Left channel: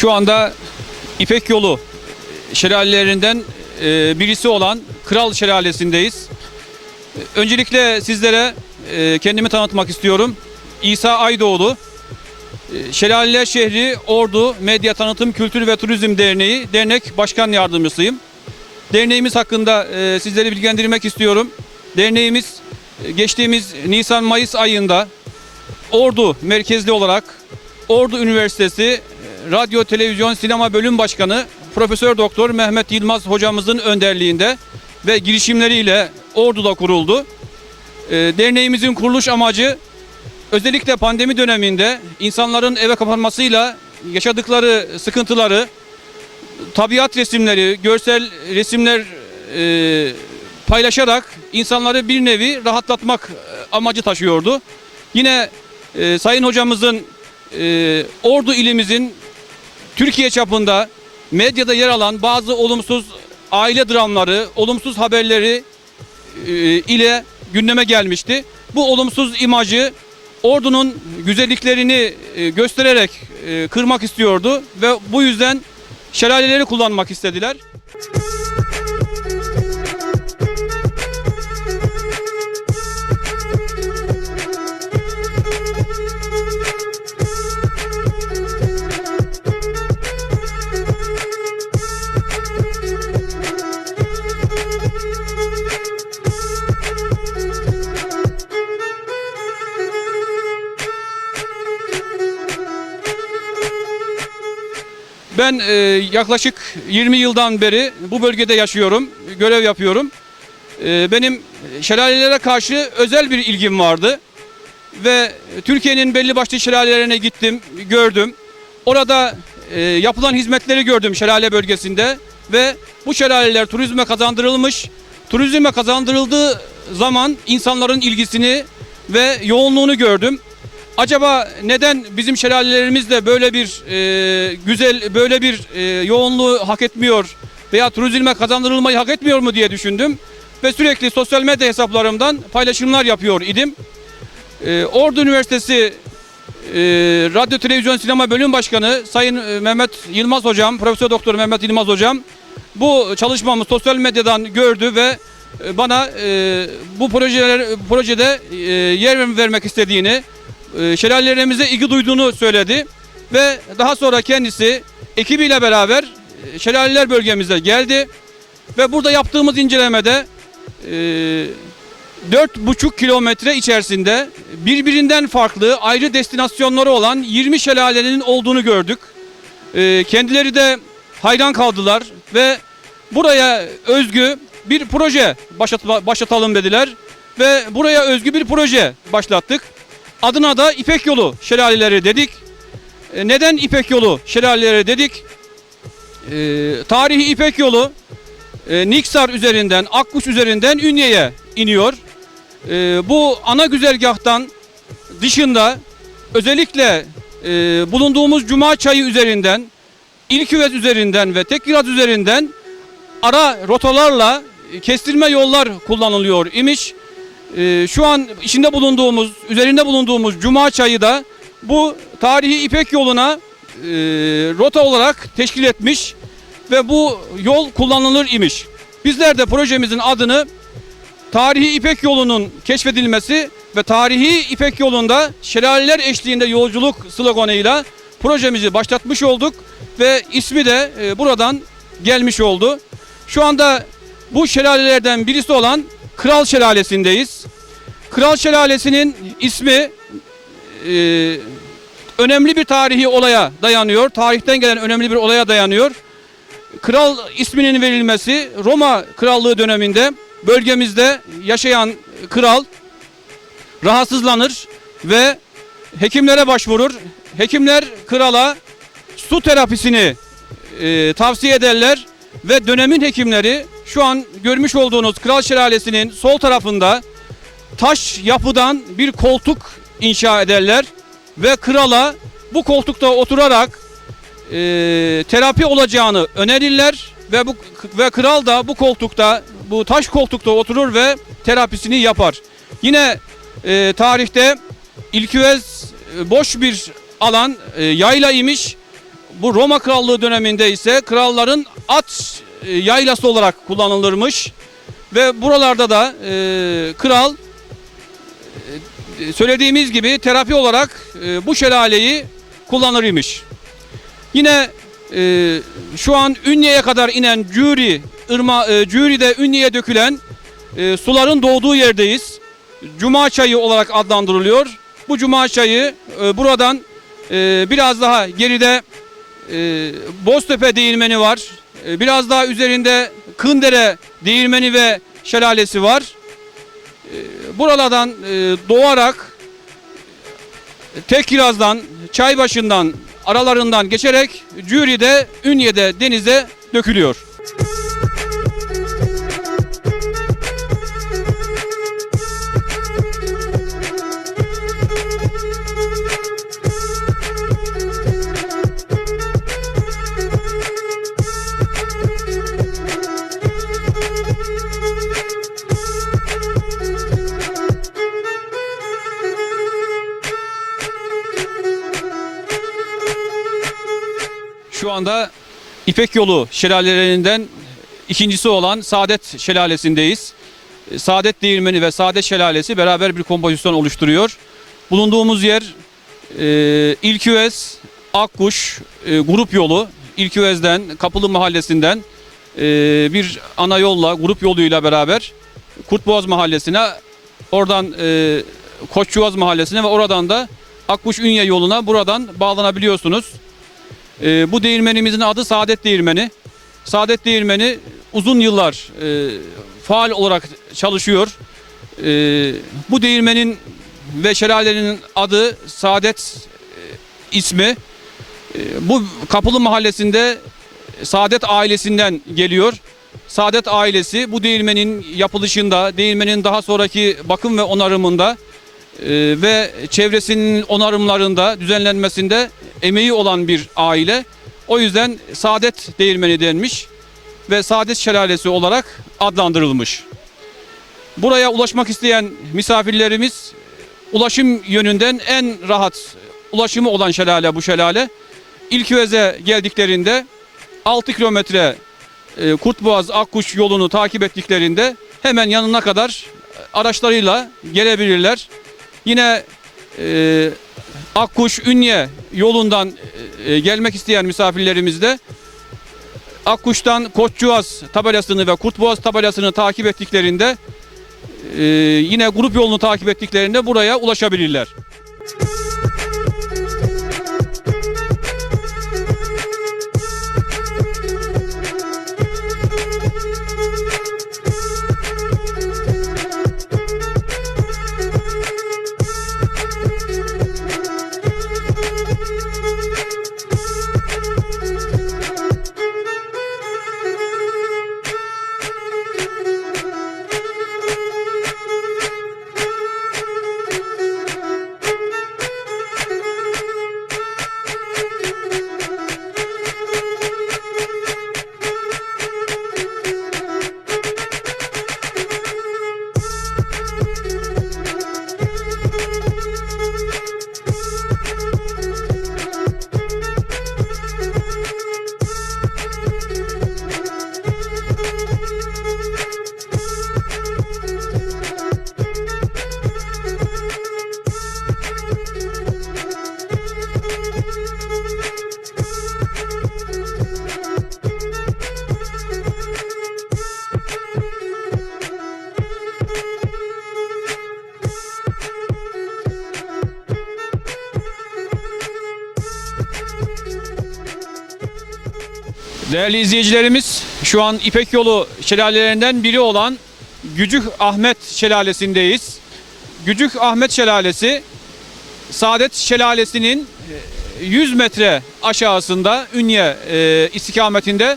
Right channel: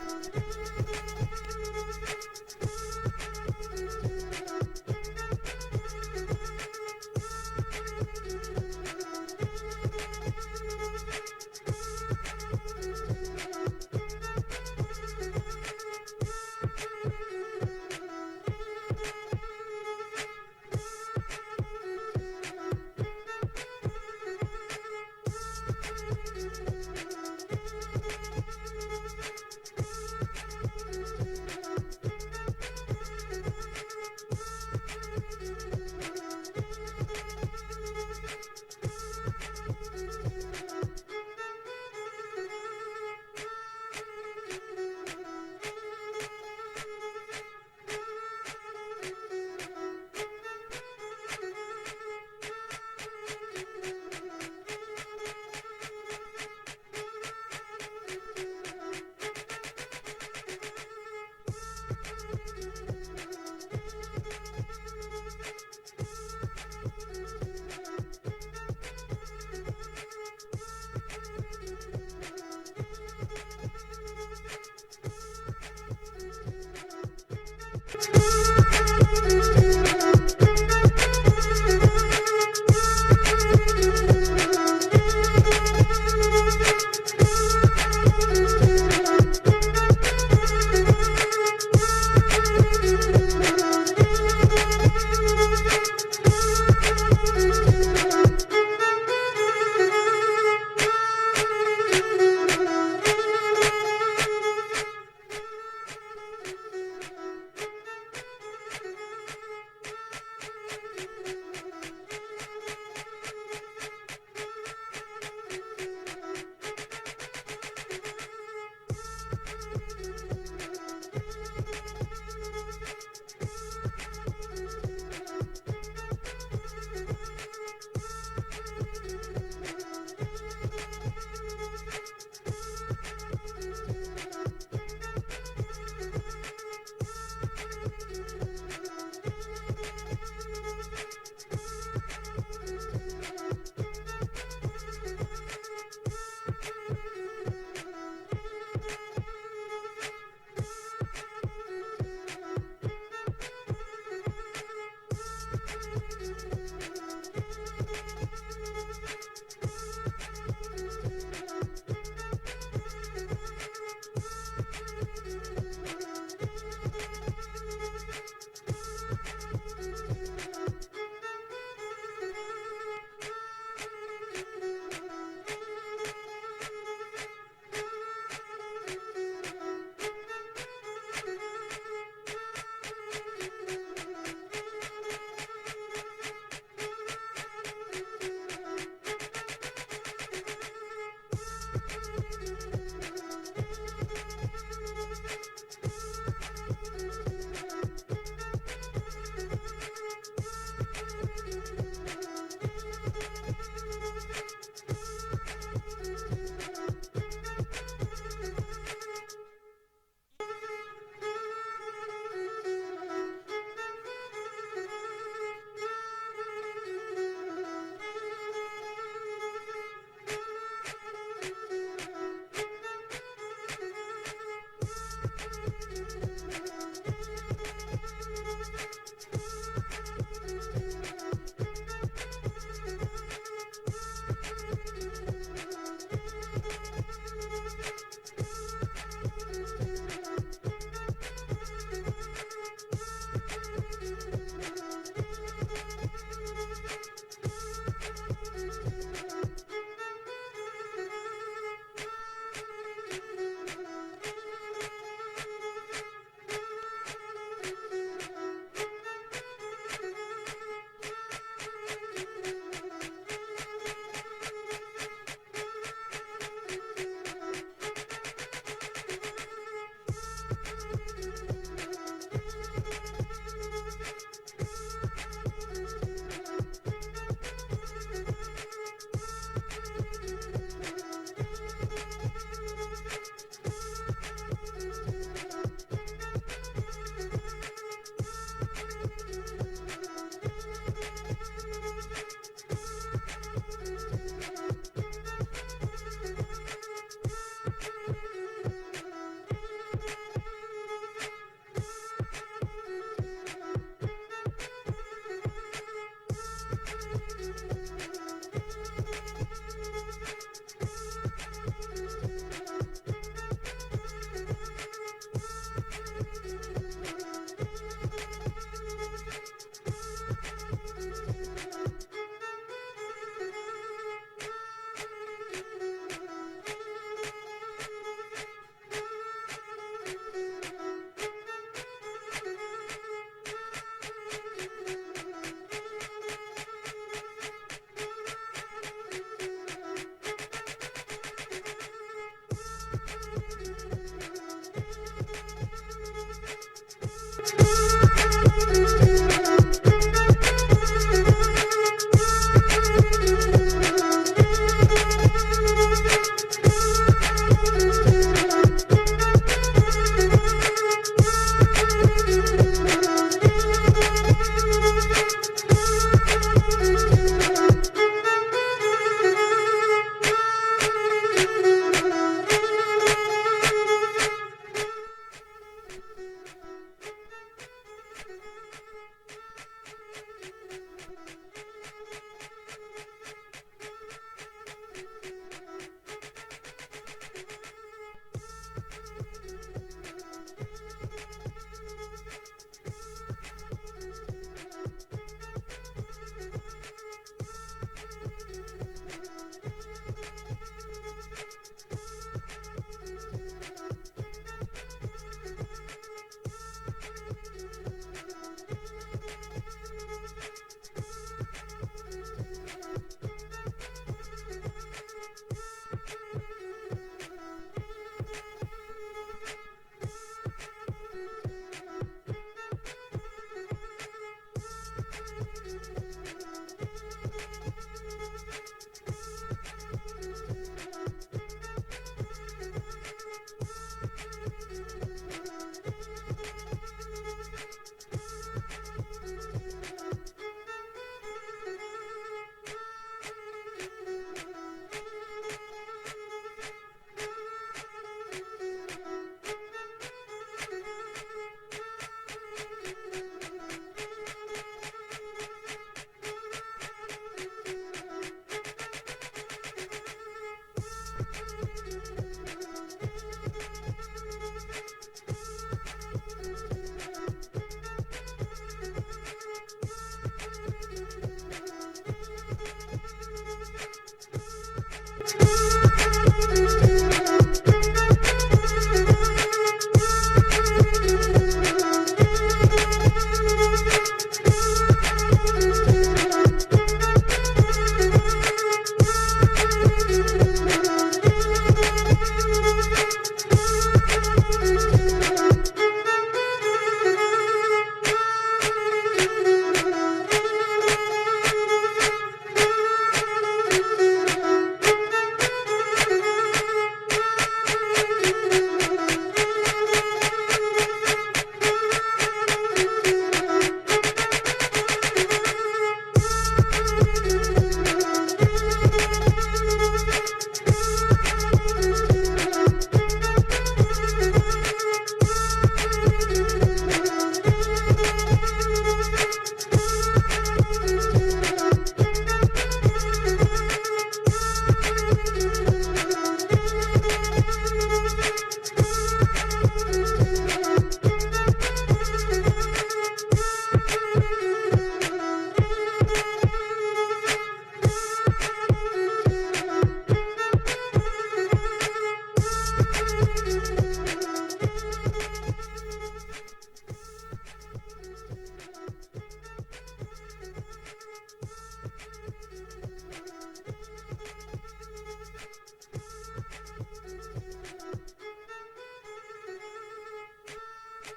Şu anda İpek Yolu şelalelerinden e, birisi olan Kral Şelalesi'ndeyiz. Öncelikle sizlere e, kendimi tanıtmak istiyorum. İsa Aydoğdu, e, Şelaleler Şehri Ordu Medya Tanıtım Kültür ve Turizm Derneği Dernek Başkan Yardımcısıyım. Derneğimiz hakkında sizleri bilgilendirmek istiyorum. Derneğimiz geçtiğimiz Nisan-Mayıs ayında Ordu merkezli olarak Ordu Üniversitesi Radyo, Televizyon, Sinema Bölüm Başkanı Profesör Doktor Mehmet Yılmaz hocamızın önderliğinde ve girişimleriyle Ordu'da kuruldu. E, Derneğimizin kuruluş amacı özellikle pandemi döneminde insanların eve kapanmasıyla yaşadıkları sıkıntıları, tabiat resimleri, görsel resimler e, paylaşarak insanları bir nevi rahatlatmak e, amacı taşıyordu. Yine e, Sayın Hocamızın e, Ordu ilimizin Türkiye çapında medyada yer alan bazı olumsuz aile dramları, olumsuz haberleri e, ile gündeme gelmişti. Bu olumsuz imajı Ordu'nun güzelliklerini e, göstererek e, kırmak istiyordu ve bu yüzden şelaleleri kullanmak istediler. Ben e, yaklaşık 20 yıldan beri bu bölgede yaşıyorum, görev yapıyorum. E, benim şelalelere karşı özel bir ilgim vardı ve Türkiye'nin belli başlı şelalelerine gittim, gördüm. Orada e, yapılan hizmetleri gördüm şelale bölgesinde ve bu şelaleler turizme kazandırılmış. Turizme kazandırıldığı zaman insanların ilgisini ve yoğunluğunu gördüm. Acaba neden bizim şelalelerimiz de böyle bir e, güzel, böyle bir e, yoğunluğu hak etmiyor veya turizme kazandırılmayı hak etmiyor mu diye düşündüm. Ve sürekli sosyal medya hesaplarımdan paylaşımlar yapıyor idim. E, Ordu Üniversitesi e, Radyo Televizyon Sinema Bölüm Başkanı Sayın e, Mehmet Yılmaz Hocam, Profesör Doktor Mehmet Yılmaz Hocam bu çalışmamı sosyal medyadan gördü ve e, bana e, bu projeler projede e, yer vermek istediğini, e, şelalelerimize ilgi duyduğunu söyledi ve daha sonra kendisi ekibiyle beraber e, şelaleler bölgemize geldi ve burada yaptığımız incelemede e, 4,5 kilometre içerisinde birbirinden farklı ayrı destinasyonları olan 20 şelalenin olduğunu gördük. E, kendileri de hayran kaldılar ve buraya özgü bir proje başlat- başlatalım dediler ve buraya özgü bir proje başlattık. Adına da İpek Yolu Şelaleleri dedik. E, neden İpek Yolu Şelaleleri dedik? E, tarihi İpek Yolu e, Niksar üzerinden, Akkuş üzerinden Ünye'ye iniyor. E, bu ana güzergahtan dışında özellikle e, bulunduğumuz Cuma Çayı üzerinden, İlküvez üzerinden ve Tekirdağ üzerinden ara rotalarla e, kestirme yollar kullanılıyor imiş. Ee, şu an içinde bulunduğumuz, üzerinde bulunduğumuz Cuma Çayı da bu tarihi İpek yoluna e, rota olarak teşkil etmiş ve bu yol kullanılır imiş. Bizler de projemizin adını Tarihi İpek yolunun keşfedilmesi ve Tarihi İpek yolunda şelaleler eşliğinde yolculuk sloganıyla projemizi başlatmış olduk ve ismi de e, buradan gelmiş oldu. Şu anda bu şelalelerden birisi olan Kral Şelalesi'ndeyiz. Kral Şelalesi'nin ismi e, önemli bir tarihi olaya dayanıyor. Tarihten gelen önemli bir olaya dayanıyor. Kral isminin verilmesi Roma Krallığı döneminde bölgemizde yaşayan kral rahatsızlanır ve hekimlere başvurur. Hekimler krala su terapisini e, tavsiye ederler ve dönemin hekimleri şu an görmüş olduğunuz Kral Şelalesi'nin sol tarafında taş yapıdan bir koltuk inşa ederler ve krala bu koltukta oturarak e, terapi olacağını önerirler ve bu ve kral da bu koltukta bu taş koltukta oturur ve terapisini yapar. Yine e, tarihte İlküvez e, boş bir alan e, yayla imiş. Bu Roma Krallığı döneminde ise kralların at e, yaylası olarak kullanılırmış. Ve buralarda da e, kral e, söylediğimiz gibi terapi olarak e, bu şelaleyi kullanır imiş. Yine e, şu an Ünye'ye kadar inen Cüri, ırma, e, Cüri'de Ünye'ye dökülen e, suların doğduğu yerdeyiz. Cuma çayı olarak adlandırılıyor. Bu Cuma çayı e, buradan e, biraz daha geride e, Boztepe değirmeni var. E, biraz daha üzerinde Kındere değirmeni ve şelalesi var. E, buralardan e, doğarak Tekiraz'dan, Çaybaşı'ndan, aralarından geçerek Cüri'de, Ünye'de denize dökülüyor. Anda İpek Yolu şelalelerinden ikincisi olan Saadet Şelalesi'ndeyiz. E, Saadet Değirmeni ve Saadet Şelalesi beraber bir kompozisyon oluşturuyor. Bulunduğumuz yer e, İlküvez, Akkuş e, grup yolu. İlküvez'den, Kapılı Mahallesi'nden e, bir ana yolla, grup yoluyla beraber Kurtboğaz Mahallesi'ne, oradan e, Koççuaz Mahallesi'ne ve oradan da Akkuş Ünye yoluna buradan bağlanabiliyorsunuz. Ee, bu değirmenimizin adı Saadet Değirmeni. Saadet Değirmeni uzun yıllar e, faal olarak çalışıyor. E, bu değirmenin ve şelalenin adı Saadet e, ismi. E, bu Kapılı Mahallesi'nde Saadet ailesinden geliyor. Saadet ailesi bu değirmenin yapılışında, değirmenin daha sonraki bakım ve onarımında e, ve çevresinin onarımlarında, düzenlenmesinde emeği olan bir aile. O yüzden Saadet Değirmeni denmiş ve Saadet Şelalesi olarak adlandırılmış. Buraya ulaşmak isteyen misafirlerimiz ulaşım yönünden en rahat ulaşımı olan şelale bu şelale. İlküvez'e geldiklerinde 6 kilometre e, Kurtboğaz Akkuş yolunu takip ettiklerinde hemen yanına kadar araçlarıyla gelebilirler. Yine e, Akkuş Ünye yolundan e, gelmek isteyen misafirlerimiz de Akkuş'tan Koççuaz tabelasını ve Kurtboğaz tabelasını takip ettiklerinde e, yine grup yolunu takip ettiklerinde buraya ulaşabilirler. Değerli izleyicilerimiz şu an İpek Yolu şelalelerinden biri olan Gücük Ahmet Şelalesi'ndeyiz. Gücük Ahmet Şelalesi Saadet Şelalesi'nin e, 100 metre aşağısında Ünye e, istikametinde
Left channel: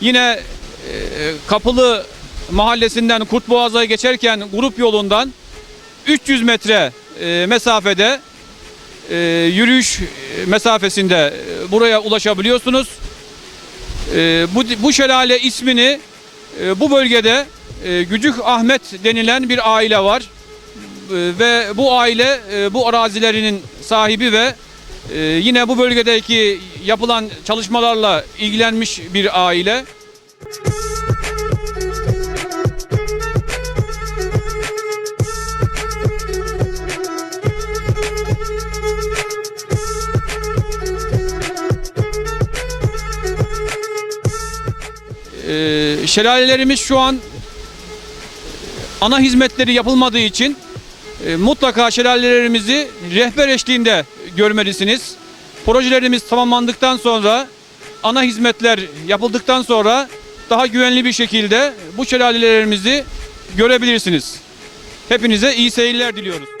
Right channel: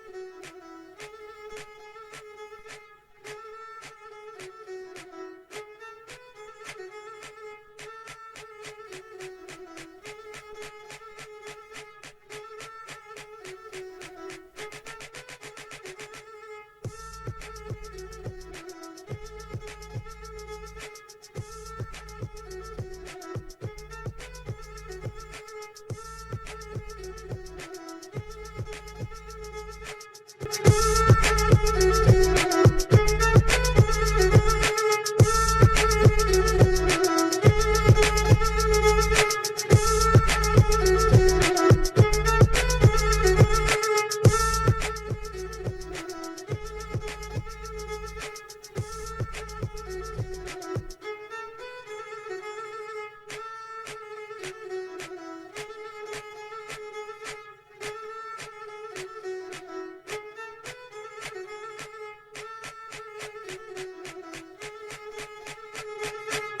yine e, Kapılı Mahallesi'nden Kurtboğaz'a geçerken grup yolundan 300 metre e, mesafede e, yürüyüş mesafesinde e, buraya ulaşabiliyorsunuz. Ee, bu, bu şelale ismini e, bu bölgede e, Gücük Ahmet denilen bir aile var. E, ve bu aile e, bu arazilerinin sahibi ve Ee, yine bu bölgedeki yapılan çalışmalarla ilgilenmiş bir aile. Ee, şelalelerimiz şu an ana hizmetleri yapılmadığı için e, mutlaka şelalelerimizi rehber eşliğinde görmelisiniz. Projelerimiz tamamlandıktan sonra ana hizmetler yapıldıktan sonra daha güvenli bir şekilde bu şelalelerimizi görebilirsiniz. Hepinize iyi seyirler diliyoruz.